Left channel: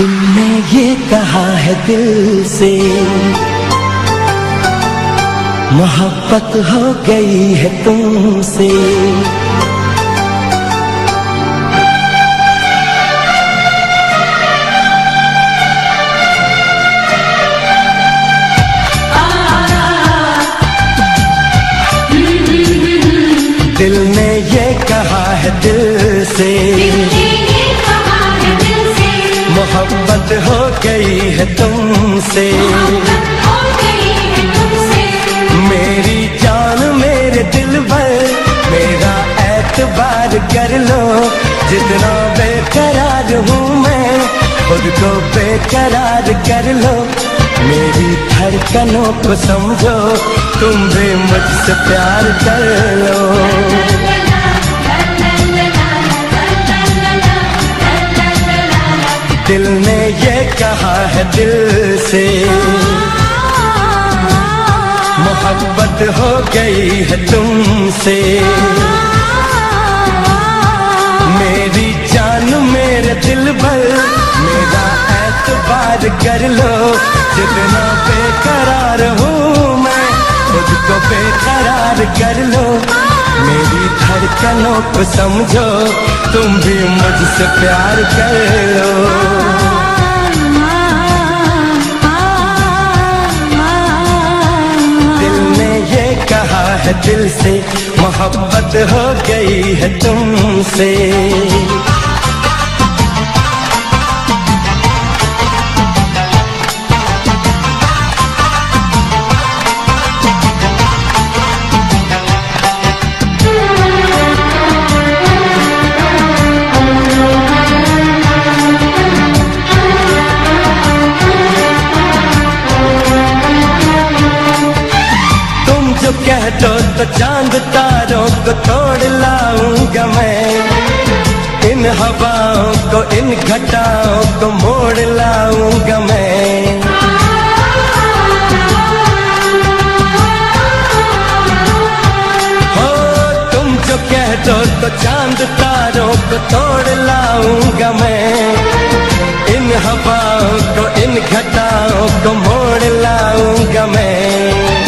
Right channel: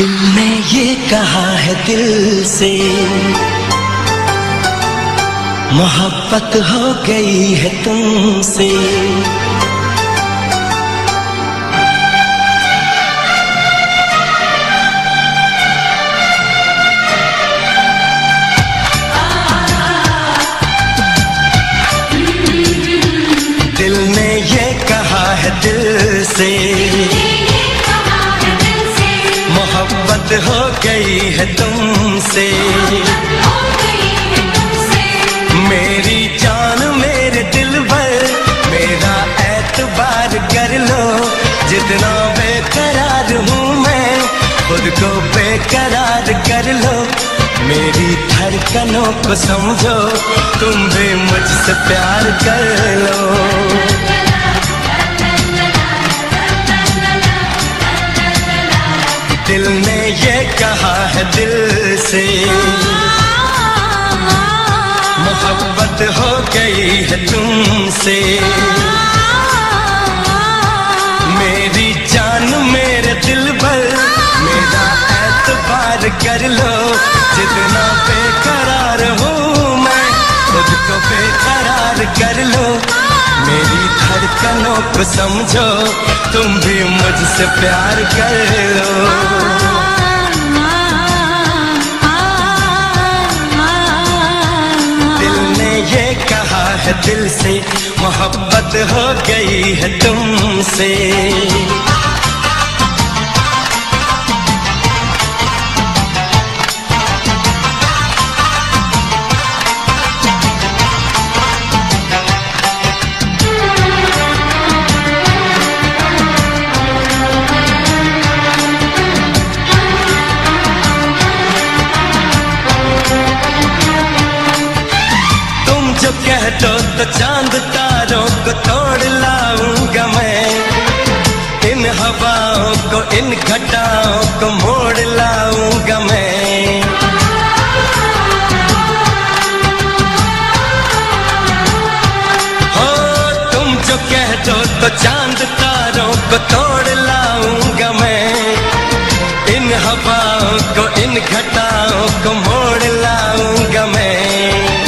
दिल ने ये कहा है दिल से, मोहब्बत हो गई है तुमसे। दिल ने ये कहा है दिल से, मोहब्बत हो गई है तुमसे। मेरी जान मेरे दिल भर, मेरा एतबार कर लो। जितना बेकरार हूँ मैं, खुद को बेकरार कर लो। मेरी धड़कनों को समझो, तुम भी मुझसे प्यार कर लो। दिल ने ये कहा है दिल से, मोहब्बत हो गई है तुमसे। मेरी जान मेरे दिल भर, मेरा एतबार कर लो। जितना बेकरार हूँ मैं, खुद को बेकरार कर लो। मेरी धड़कनों को समझो, तुम भी मुझसे प्यार कर लो। दिल ने ये कहा है दिल से, मोहब्बत हो गई है तुमसे। जो कह दो तो चांद तारों को तोड़ लाऊंगा मैं। इन हवाओं को, इन घटाओं को मोड़ लाऊंगा मैं। हो तुम जो कह दो तो चांद तारों को तोड़ लाऊंगा मैं। इन हवाओं को, इन घटाओं को मोड़ लाऊंगा मैं।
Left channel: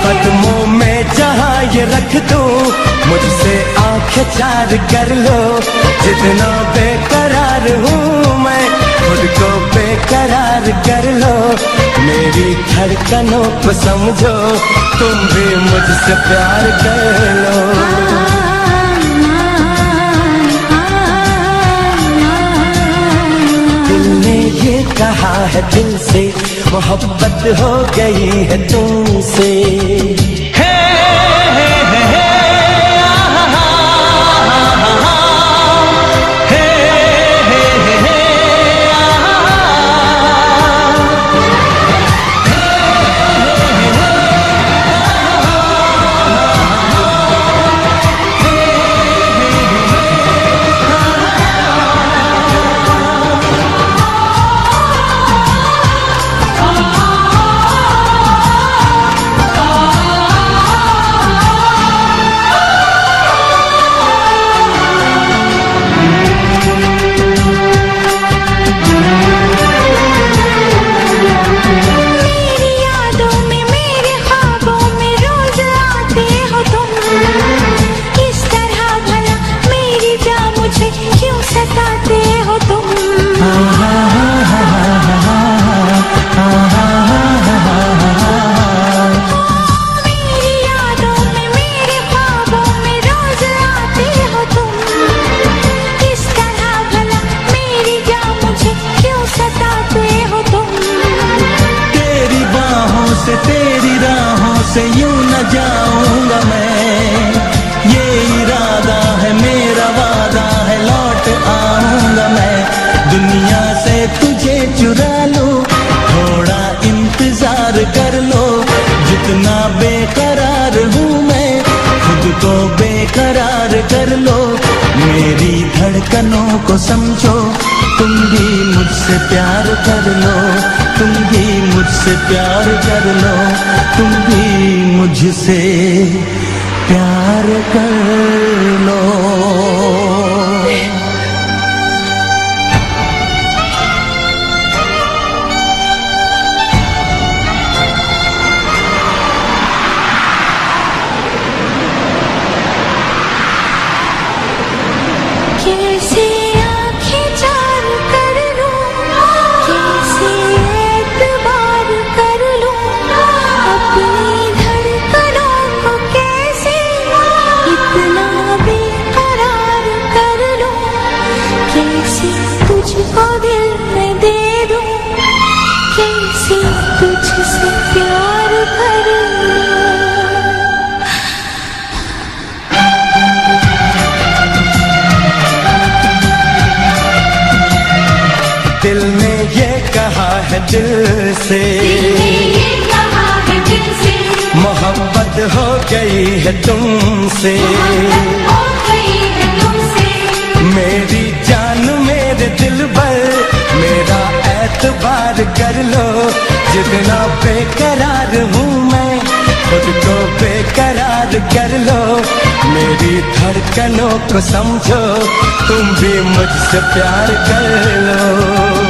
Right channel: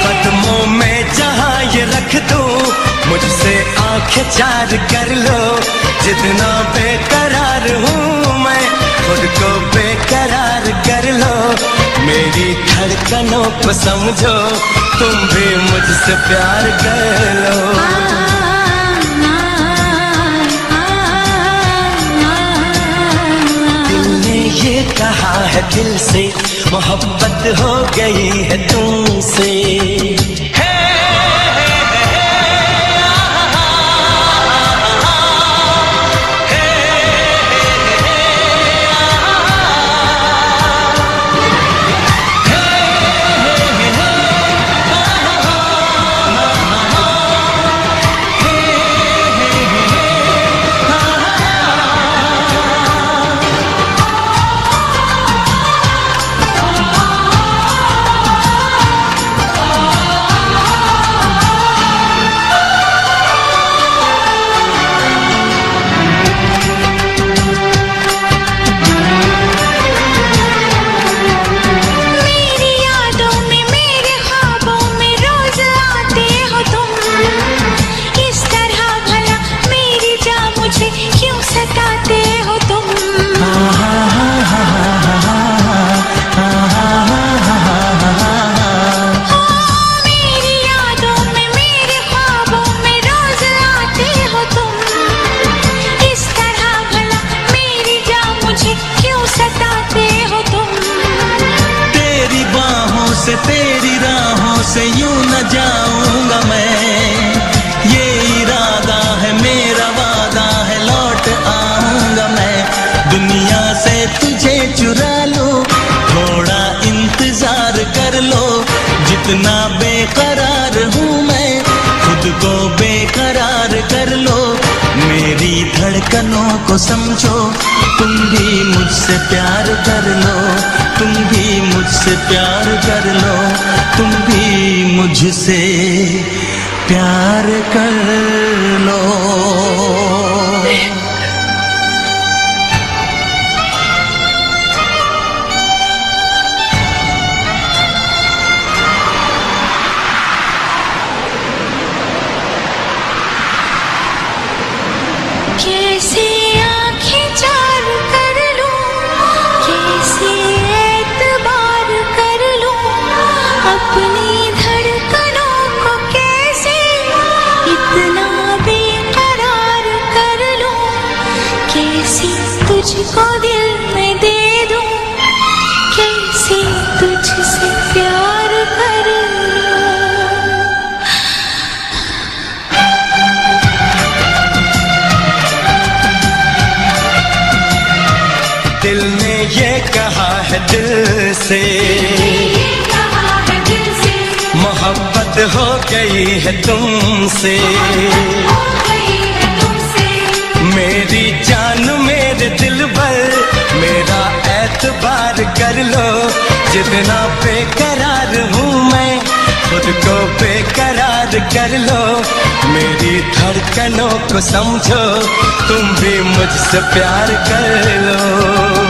कदमों में जहाँ ये रख दूं, मुझसे आंखें चार कर लो। जितना बेकरार हूँ मैं, खुद को बेकरार कर लो। मेरी धड़कनों को समझो, तुम भी मुझसे प्यार कर लो। दिल ने ये कहा है दिल से, मोहब्बत हो गई है तुमसे। तेरी राहों से यूं न जाऊंगा मैं। ये इरादा है मेरा, वादा है, लौट आऊंगा मैं। दुनिया से तुझे चुरा लूं, थोड़ा इंतजार कर लो। जितना बेकरार हूँ मैं, खुद को बेकरार कर लो। मेरी धड़कनों को समझो, तुम भी मुझसे प्यार कर लो, तुम भी मुझसे प्यार कर लो, तुम भी मुझसे प्यार कर लो। कैसे आंखें चार कर लूं, कैसे एतबार कर लूं, अपनी धड़कनों को कैसे इतना बेकरार कर लूं, कैसे तुझको दिल में दे दूं, कैसे तुझसे प्यार कर लूं। दिल ने ये कहा है दिल से, मोहब्बत हो गई है तुमसे। मेरी जान मेरे दिल पर मेरा एतबार कर लो, जितना बेकरार हूँ मैं खुद को बेकरार कर लो। मेरी धड़कनों को समझो, तुम भी मुझसे प्यार कर लो।